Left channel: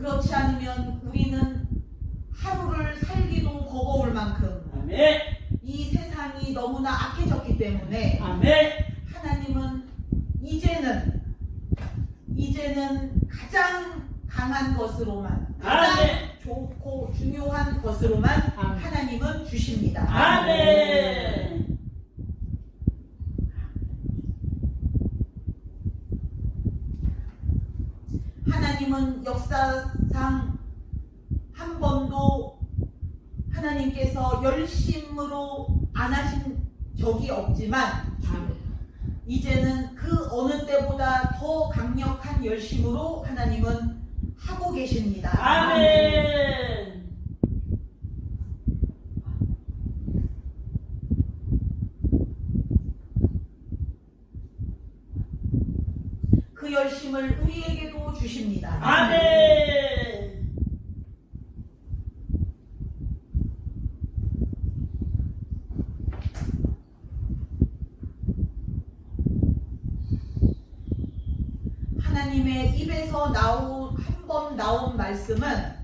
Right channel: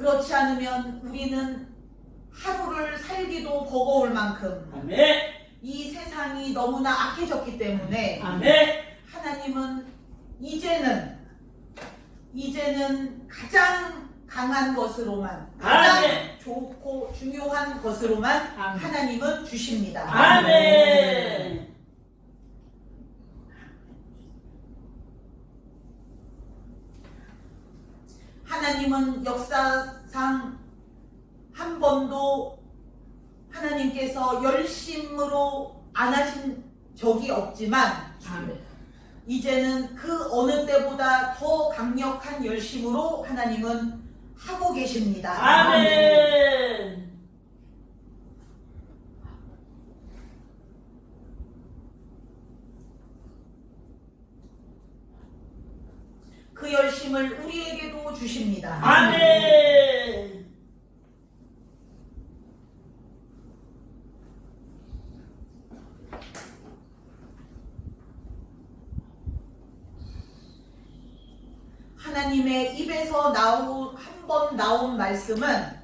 그렇지 않으면 우리는 하루를 살기도 버거울 만큼 아멘. 이 세상이 너무나 악해졌기 때문에 아멘. 하나님은 이제는 가장 강한 것으로만, 가장 아멘. 좋고 중요한 것으로만 아멘. 하나님은 주십니다. 아멘. 하나님은 역사상 한 번도 하나님께서 열심으로 안 하신 적이 없지만 이제는 그 어느 때보다 더 강력한 열심으로 하나님은 하고 계십니다. 아멘. 그 열심을 우리에게도 주십니다. 아멘. 하나님의 입에서 한 번 나온 말씀은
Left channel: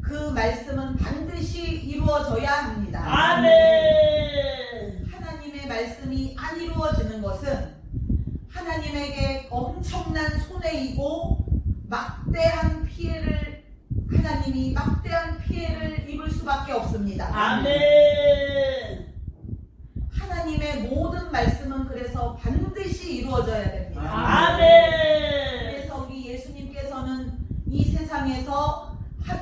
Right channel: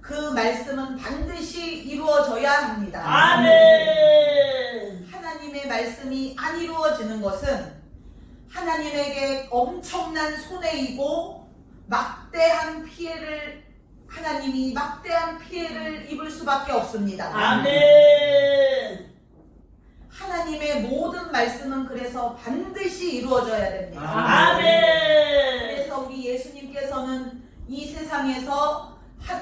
그 말씀은 반드시 이루어져야 합니다. 아멘. 하나님의 말씀이 안 이루어지는 것은 하나님에게 엄청난 손해이고 하나님이 막대한 피해를 입을 수밖에 없습니다. 아멘. 하나님의 모든 말씀은 그래서 반드시 이루어져야 됩니다. 아멘. 그래서 우리 예수님께서는 이 세상에서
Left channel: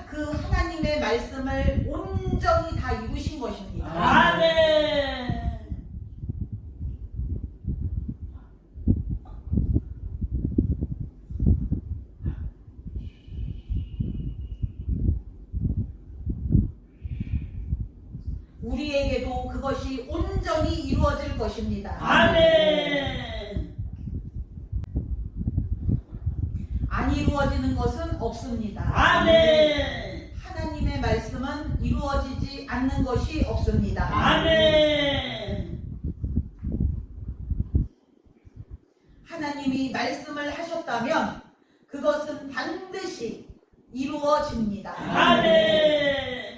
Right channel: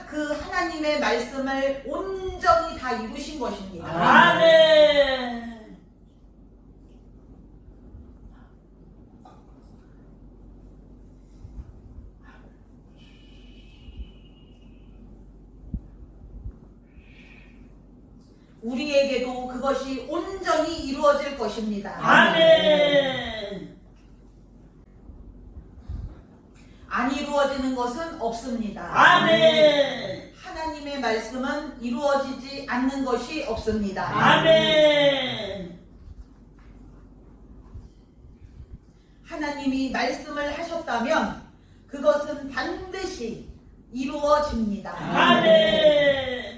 그 하나님의 말씀을 온전히 다 이루신 것입니다. 아멘. 우리에게도 그것이 온전히 이루어질 것입니다. 아멘. 안 이루어지는 것은 없습니다. 아멘. 하나님의 말씀은 이루어지지 않는 것이 없습니다. 아멘. 하나님이 말씀을 하셨다면 그것은 반드시 이루어집니다. 아멘.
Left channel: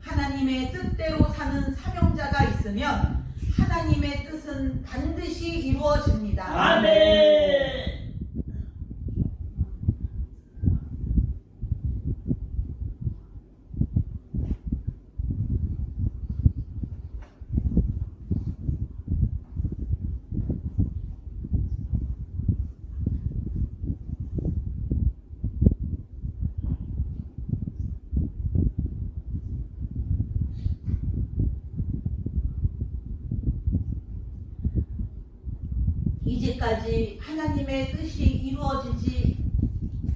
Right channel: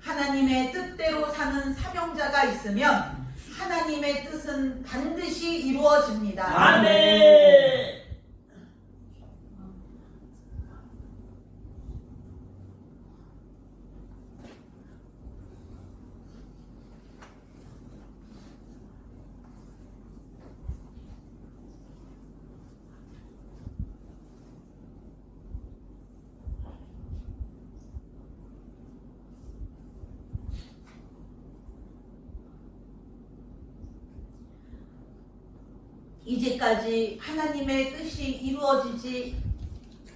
하나님의 뜻대로 사는 사명자가 있으면 하나님의 뜻은 반드시 이루어집니다. 아멘. 이제까지 하나님의 뜻이 이루어지지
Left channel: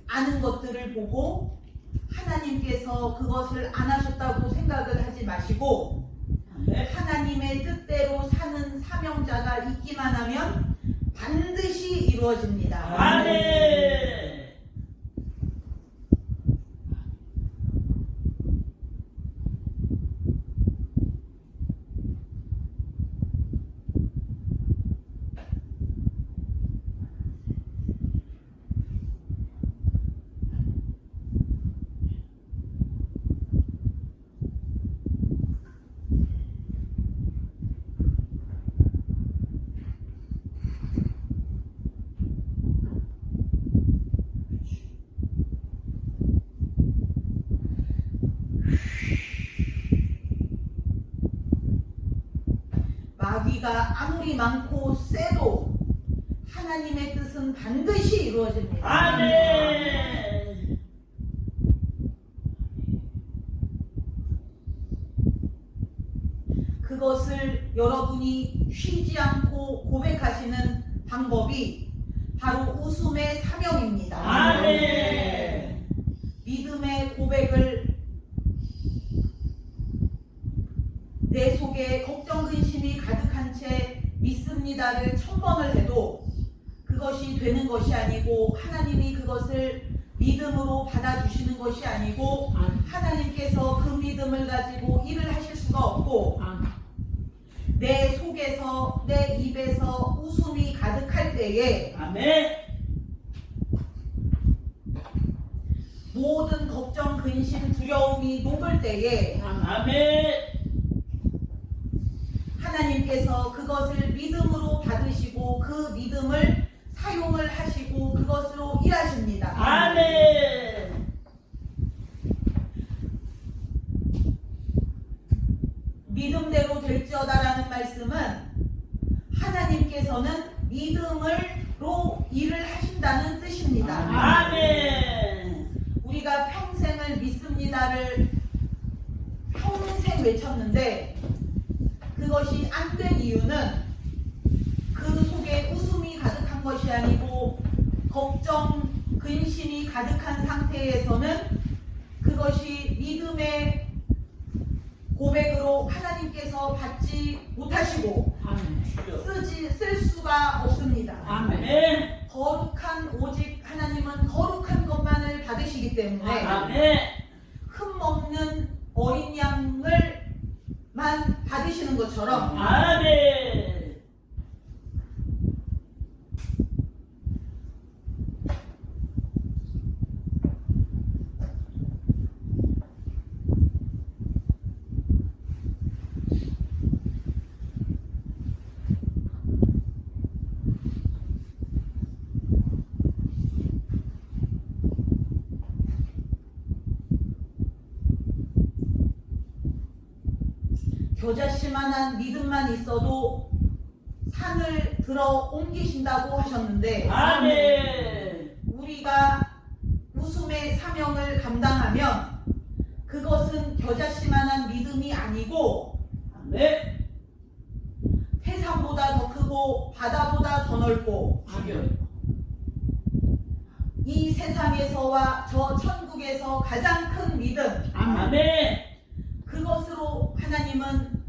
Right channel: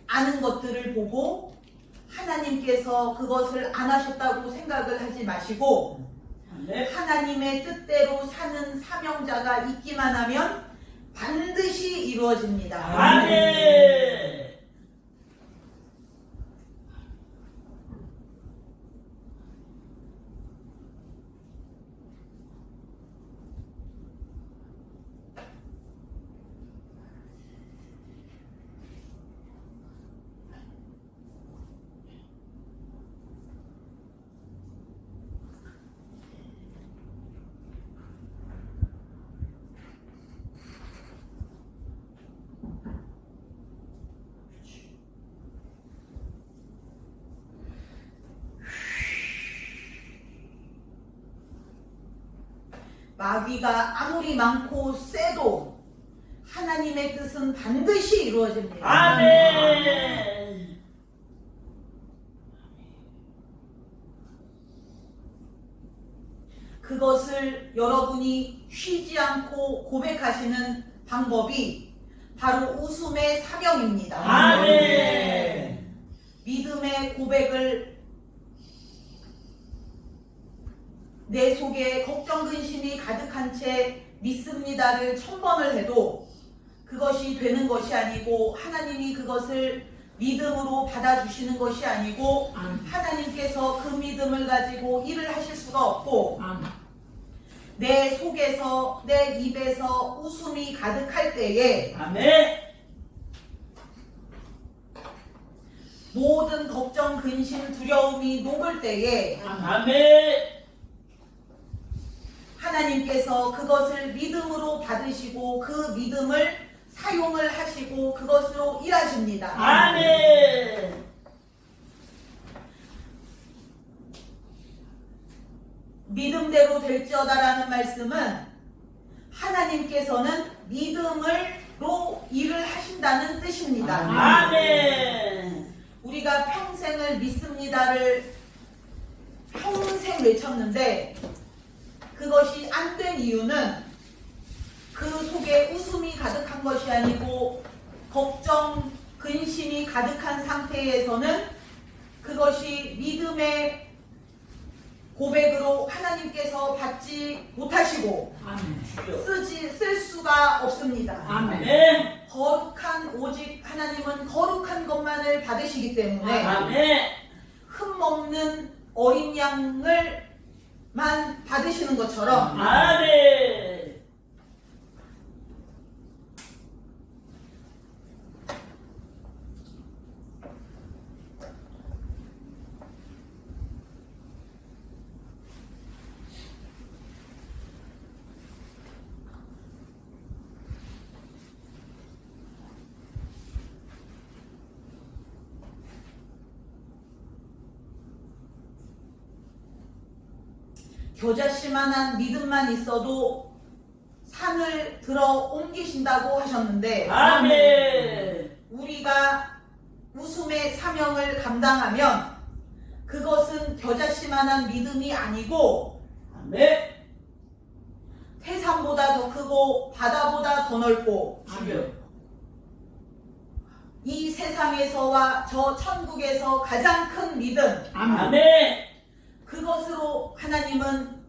않은 것들을 보고 하나님께서 그것을 안 하셨다고 생각을 하지 마시고 하나님의 뜻대로 사는 사명자가 있기만 하면 반드시 이루어집니다. 아멘. 마귀가 아무리 많고 세도 하나님의 뜻은 반드시 이루어집니다. 아멘. 그것을 여러분이 쉬지 않고 고백하시는 방법이 바로 웃음의 사명입니다. 아멘. 믿음의 고백을 내 속에 걱정 근심이 가득한 채 믿습니다를 1000번을 해도 그것이 되는 것이 아니고 하나님이 그것을 믿음으로 받아주시는 것이 아니고 하나님께서 그 믿음 믿음을 가지고 일을 하실 수가 없고 내 속에서 내 입에서 웃음이 가득할 때에 아멘. 모든 걱정, 근심, 두려움이 녹을 때에 아멘. 하나님께서 그것을 믿음으로 받으시고 그 믿음을 사용을 하시고 그것으로 일하십니다. 아멘. 믿음대로 될지어다라는 말씀은 하나님께서는 믿음으로 일을 하신다는 뜻입니다. 아멘. 우리가 평생을 믿습니다를 평생 외쳤는데 그것이 안 된 이유는 그 속에 웃음이 가득한 것이 아니고 걱정, 근심이 가득한 상태에서는 그것이 믿음의 고백으로 하나님께서 받지 못하시고 쓸 수가 없습니다. 아멘. 거룩한 오직 하나님은 거룩한 것만을 받으시기 때문에 아멘. 흠없는 어린 양을만 받으시는 것처럼 아멘. 겨자씨만한 믿음만 있어도 산을 들어 옮기신다고 하셨는데 아멘. 우리가 웃음의 사명을 감당하면 그것은 겨자씨만한 믿음이 아니고 아멘. 태산보다 더 크고 바다보다 더 넓고 이 세상에서와 저 천국에서 가장 큰 믿음 아멘. 그것으로 하나님은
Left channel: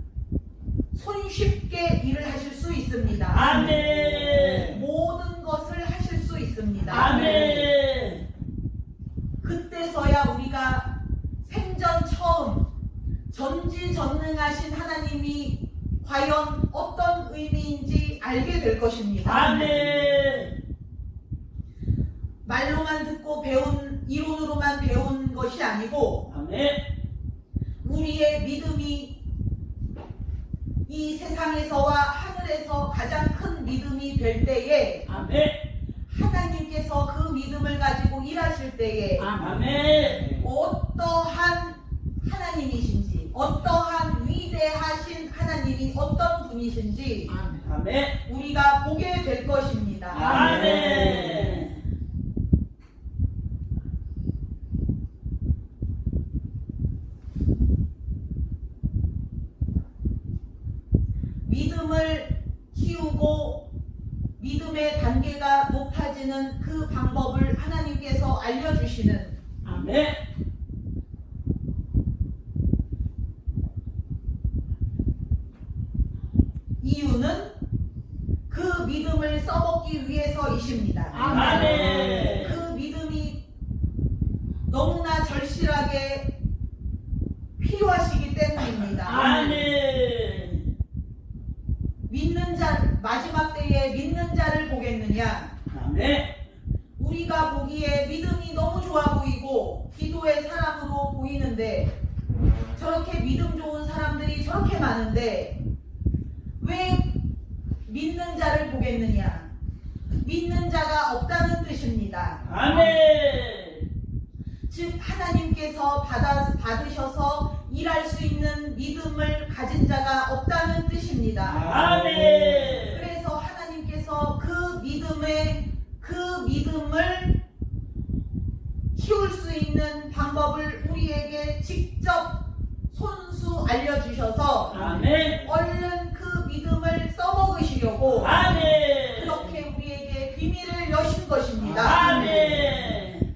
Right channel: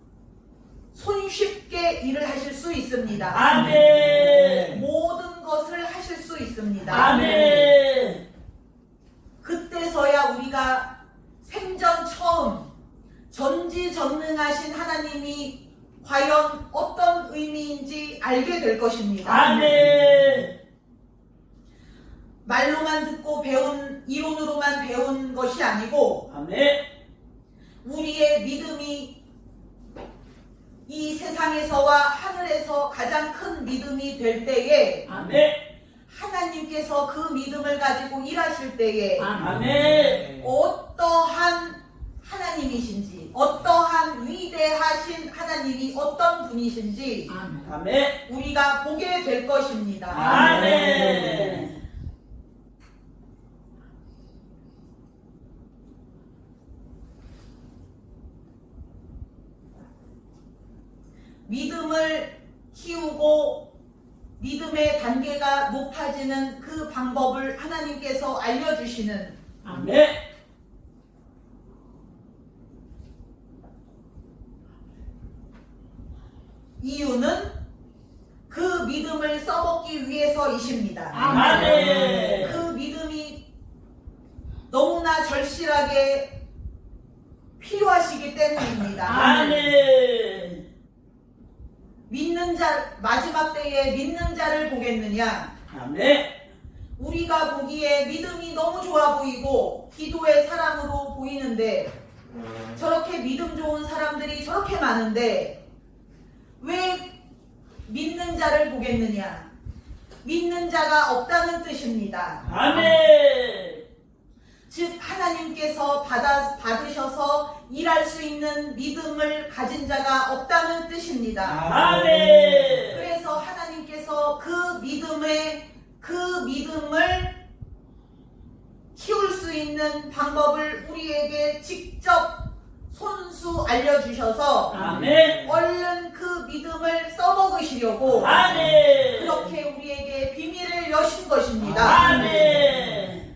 손쉽게 일을 하실 수 있습니다. 아멘. 모든 것을 하실 수 있습니다. 아멘. 그때서야 우리가 생전 처음 전지전능하신 하나님이 과연 어떤 의미인지 알게 될 것입니다. 아멘. 말로만 듣고 배운 이론으로만 배운 것이 아니고 아멘. 우리의 믿음이 이 세상에서와 하늘에서 가장 큰 믿음이 될 때에 아멘. 하나님께서 그 믿음을 가지고 일하실 때에 아멘. 어떠한 하나님이신지 어떠한 위대하신 하나님이 어떤 분이신지 아멘. 우리가 보게 될 것입니다. 아멘. 믿음을 키우고 믿음의 단계가 높아지는 그 방법을 하나님께서 알려주시는 아멘. 이유는 그 믿음을 써먹기 위해서이십니다. 아멘. 그 믿음이 너무나 절실하게 필요하시기 때문입니다. 아멘. 믿는 자, 마지막 때에 믿는 자를 보겠느냐? 아멘. 우리가 보기에 믿음이 너무 좋아 보이고 기도의 사람으로 보이는데 저렇게 믿음 좋은 사람들이 저렇게 많은데 왜 믿는 자를 보겠느냐? 믿는 자가 없다는 뜻입니다. 아멘. 즉 하나님께서 받으셔서 일할 수 있는 믿음을 가진 자가 없다는 뜻입니다. 아멘. 그래서 하나님께서 그 믿음을 키울 수 있는 방법을 우리에게 직접 손수 알려주셔서 아멘. 얼른 그 믿음을 써먹으시려고 아멘. 그렇게 우리에게 비밀을 여신 것입니다. 아멘.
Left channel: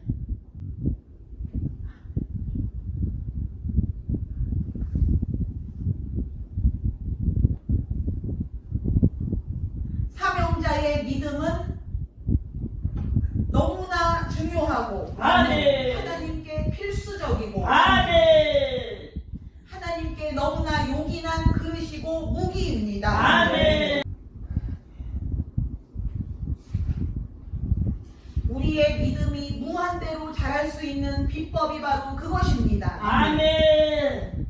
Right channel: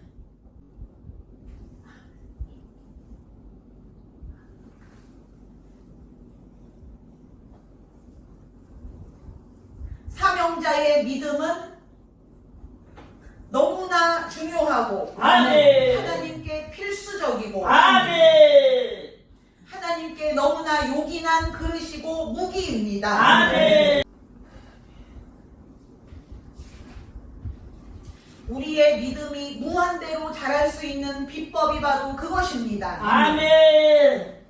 사명자의 믿음은 너무나 중요하고 아멘. 하나님께 필수적이고 아멘. 동기입니다. 아멘. 우리의 믿음이 무한대로 자랄 수 있는 비법이 바로 그것입니다. 아멘.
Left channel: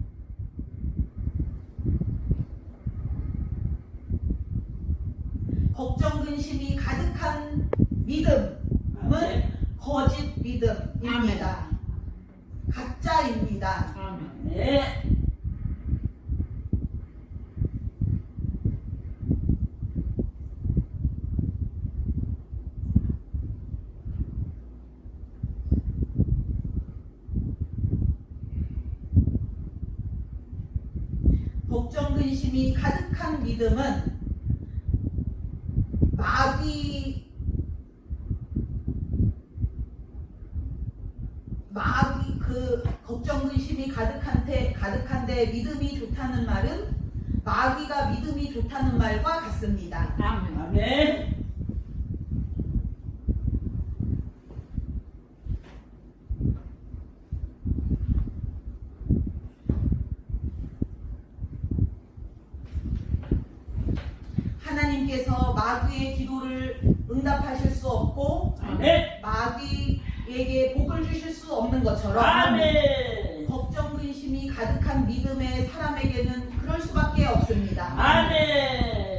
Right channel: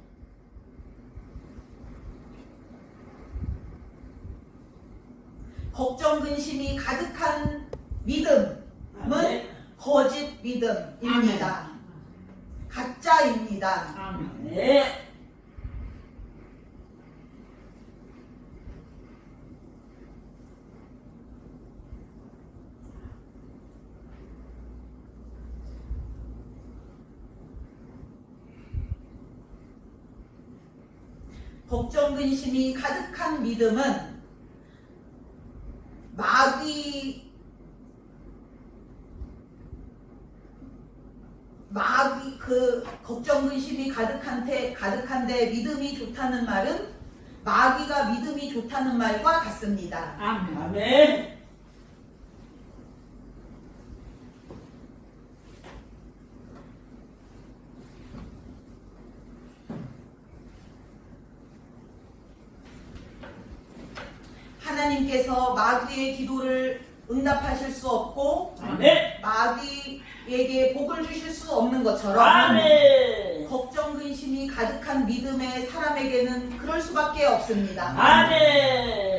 걱정 근심이 가득한 믿음은 아멘. 거짓 믿음입니다. 가짜입니다. 네. 걱정 근심이 가득한 믿음은 마귀 그 걱정 근심이 가득한데 믿음이 좋다는 말은 마귀가 믿음이 좋다는 말과 같습니다. 아멘. 하나님께서 마귀의 기도를 응답하실 수 없고 아멘. 마귀에게 복을 주실 수 없는 것처럼 아멘. 걱정 근심이 가득한 믿음의 사람에게는 그럴 수밖에 없습니다. 아멘.